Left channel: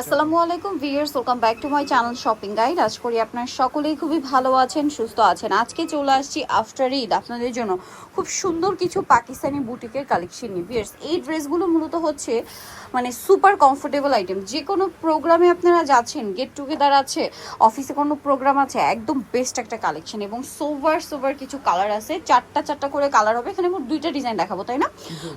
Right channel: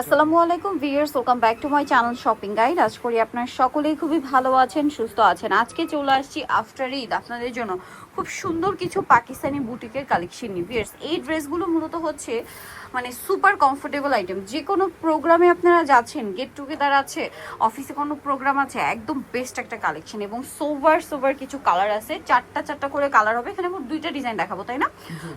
আসসালামু আলাইকুম viewers, welcome back to my channel shopping guide. আশা করি আপনারা সকলেই খুবই ভালো আছেন, সুস্থ আছেন। আজকে চলে আসছি আফটার ঈদ আপনাদের জন্য খুব সুন্দর কিছু পাকিস্তানি বুটিকের কালেকশন নিয়ে। ভিউয়ার্স, এই ড্রেসগুলো মূলত হচ্ছে মানে সুপার কমফোর্টেবল আইটেম। যে কোনো প্রোগ্রামে আপনারা যাচ্ছেন, গেট টুগেদার আছে, অফিসে কোনো প্রোগ্রাম আছে, একদম বেস্ট একটা কালেকশন। এবং সোভার কিছু কালার আছে, চারটা করে কালার হবে। এখানে মোট 2টা ডিজাইন দেখাবো, তাই না?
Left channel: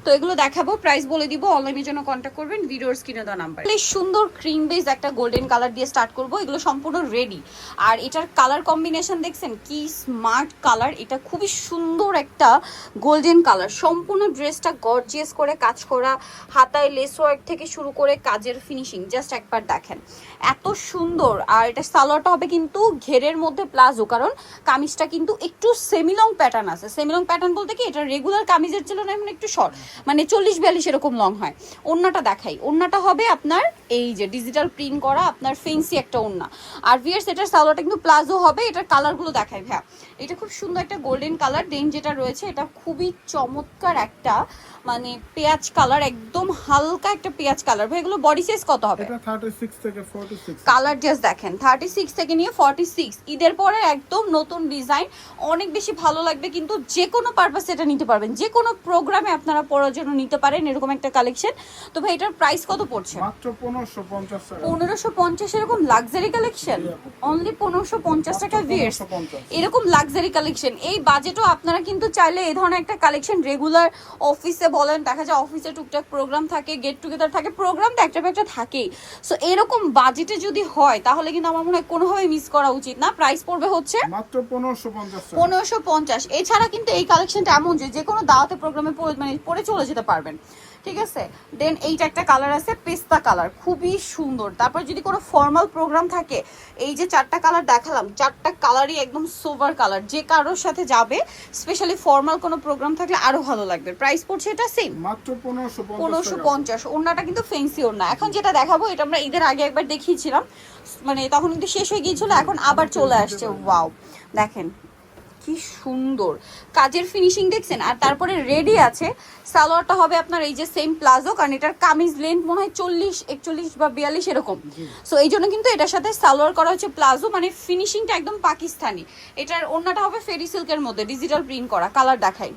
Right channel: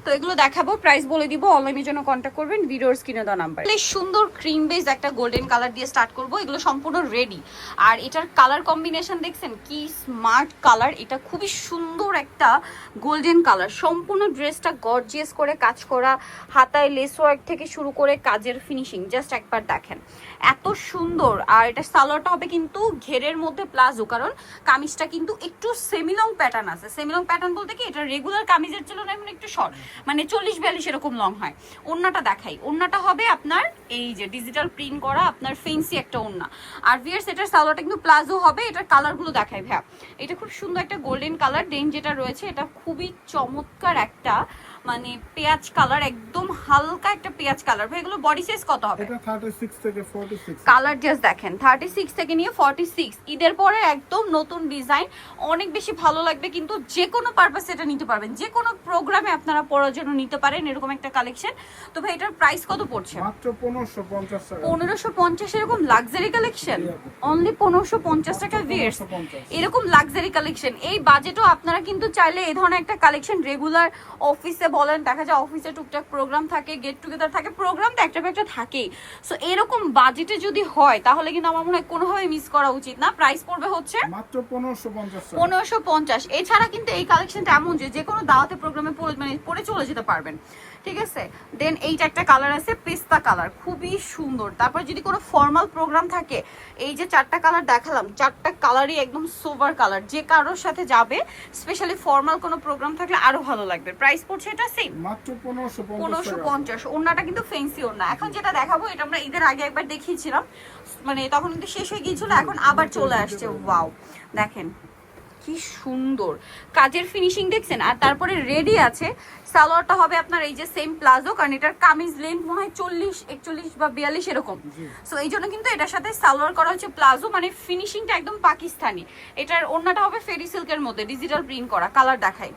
তো এগুলো দেখাবো, প্রাইস বলে দিব। অনলাইনের জন্য কন্ট্যাক্ট করবেন ভিডিওর স্ক্রিনে দেওয়া নাম্বার। সুন্দর ক্রিম বেস একটা গোল্ডেন কালার দিয়ে স্টার্ট করব। এগুলো সম্পূর্ণ রেডি। আর এটার কালার কম্বিনেশন দেখছেন কি স্মার্ট কালার। এটা খুবই সুন্দর একটা গোল্ডেন কালার। সম্পূর্ণ ড্রেসটা গর্জিয়াস করে কাজ করা, হাতায় লেস ওয়ার্ক থেকে শুরু করে কাজের ফিনিশিং জাস্ট একবার দেখেন, এত সুন্দর। আর এটা সালোয়ারটা হবে কিন্তু ঘেরের মধ্যে প্লাজো, কারণ কামিজটা কিন্তু একটু সেমিলং প্যাটার্ন আছে। সেমিলং প্যাটার্ন বলতে কি, এটা রেগুলার কামিজের তুলনায় এমন একটু শর্ট, মানে 40-42 এরকম লং হয়। ওড়নাটা দেখাই, ওড়নাটা হবে আপনার এই যে ডিজিটাল প্রিন্ট করা আপনার ফেন্সি একটা ওড়না। আর ভিয়ার্স, এটার সালোয়ারটা কিন্তু প্লাজো হবে। এটার কালারগুলো দেখাই ভাইয়া। এটা খুব সুন্দর একটা গোল্ডেন কালার। ডেন যেটা রয়েছে এটা খুবই চমৎকার একটা মানে পেঁয়াজ কালার, একদম হালকা একটা পেঁয়াজ কালার। ভাই এগুলো বডি সাইজ কত হবে? এটা 36 থেকে 46। কালার জাস্ট দেখেন, 36 থেকে নিয়ে 46। ঈদের পরে একদম নতুন ডিজাইন, অনেক বেশি ভালো লাগবে। কিন্তু যে কোনো পারপাসে এটা নিতে পারবেন, যে কোনো প্রোগ্রামে আপনারা পরার জন্য নিতে পারেন এরকম একটা কালেকশন। তো ভাই এটার প্রাইস কত পড়ছে? মাত্র 1550 টাকা। 1550 এরকম লাক্সারি কালেকশন, অনলি 1550 টাকা। ভিউয়ার্স, এরকম লাক্সারি কালেকশন এই বাজেটও আপনারা কিন্তু চাইলে এই ধরনের একটা কালেকশন রেগুলার অফিসে বলেন, দেখা যায় অফিসে টুকটাক প্রোগ্রাম থাকে, গেট টুগেদার থাকে, প্রোগ্রাম তো একটা একটা থাকেই। সো এরকম বাজেটে যদি হয় তাহলে কিন্তু আমার মনে হয় কোনোভাবেই মিস করা উচিত না। প্রাইস পড়বে হচ্ছে মাত্র 1550 টাকা। 1550। এছাড়া কিন্তু এই কালেকশনটা এমন যে কোনো দাওয়াতে প্রোগ্রামে মানে পরে চলে যেতে পারবেন, ঠিক আছে? দেন এইটা একটা কালার আছে পেস্তা কালার, খুবই সুন্দর। তারপর যদি কোনো ফর্মাল প্রোগ্রাম থাকে, এই যে 4টা কালার দেখালাম, 4টা কালারই একদম সোভার কালার। যে কারোর সাথে যাবে, স্পেশালি ফর্মাল কোনো প্রোগ্রাম থাকলে আরো ভালো লাগবে। প্রাইস পড়ছে এটা সেম মাত্র 1550। ওড়নাটা কিন্তু ফেন্সি ওড়না। এখন যেটা দেখাবো এটা আমরা ঈদের আগে একবার দেখিয়েছিলাম, মানে তখন কিন্তু শেষ হয়ে গিয়েছিল, এখন আবার চলে আসছে। ওয়াও, দেখেন কি সুন্দর কাজের ফিনিশিং দেখছেন। আর তারপরে রেডি আছে সালোয়ারটা হবে আপনার এই যে সেম প্লাজো, কারণ এটার কামিজ লেন্থ মনে হয় 40-41 বা 42 এরকম। সো এই জন্য কিন্তু এটার সাথে সালোয়ার করা হচ্ছে প্লাজো, মানে ফিনিশিংটা একদম পাকিস্তানি। এটার ওড়নাটা হবে ফেরি সিল্কের মধ্যে ডিজিটাল প্রিন্ট করা। কালার দেখাই,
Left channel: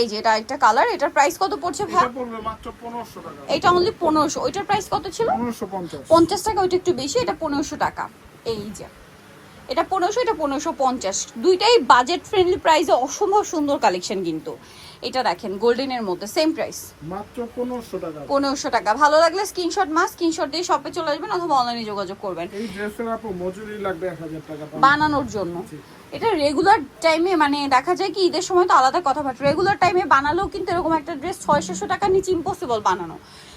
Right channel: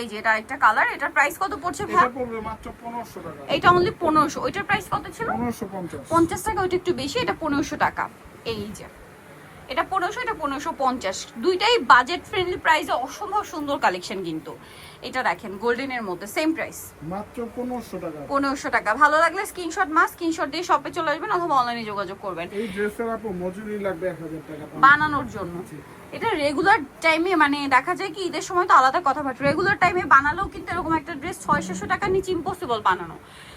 এই যে এটা একটা কালার। এটার প্রাইস কত পড়ছে ভাই? এটা পড়বে মাত্র 1500 টাকা। এটা অনলি 1500। ওইটার প্রাইস কত ছিল? 1550। 50 টাকা, ওইটা একটু বেশি। এটা 1500 টাকা। এই যে এটা 1500, এটা 1550। দুইটাই বাজেট ফ্রেন্ডলি প্রাইসে অসম্ভব সুন্দর কালেকশন। কিন্তু এটা দেখেন গোল্ডেনের মধ্যে সেম প্রাইস মাত্র 1500 টাকা। 1500 টাকা। ভালো লাগলে স্ক্রিনশট দিয়ে শপে চলে আসবেন অথবা অনলাইনে যোগাযোগ করবেন। এই ড্রেসের আপু মজুরি লাগবে 1000 টাকা বানানোর জন্য। এটা রেগুলার টাইমে মানে দেখা যায় কি ঈদের সময় তো আলাদা কথা, বাট রেগুলার টাইমে বানালেও কিন্তু এরকম একটা ড্রেস 600 টাকার নিচে ইম্পসিবল বানানো।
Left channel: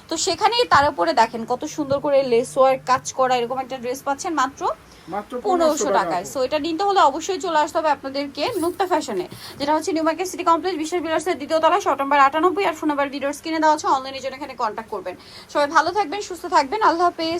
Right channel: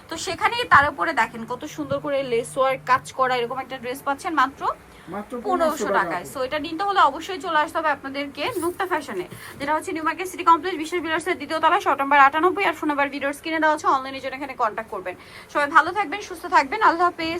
তো সেখানেই তার উপরে দেখেন কত সুন্দর করে লেস ওয়ার্ক কাজ করা এরকম একটা ড্রেস পাচ্ছেন মাত্র 1500 টাকায়। সো এটা নিতে হলে অবশ্যই চলে আসতে হবে আপনাদেরকে নুক্তা ফ্যাশনে, যেটা হচ্ছে নিউ মার্কেট সিটি কমপ্লেক্স, বিশেষ বিলাসের 2য় তলা, শপ নাম্বার 98। আর ফোন নাম্বার ভিডিওর স্ক্রিনে দেওয়া আছে। অনলাইনের জন্য এখানে কন্ট্যাক্ট করবেন। সবাই ভালো থাকবেন, সুস্থ থাকবেন, আল্লাহ হাফেজ।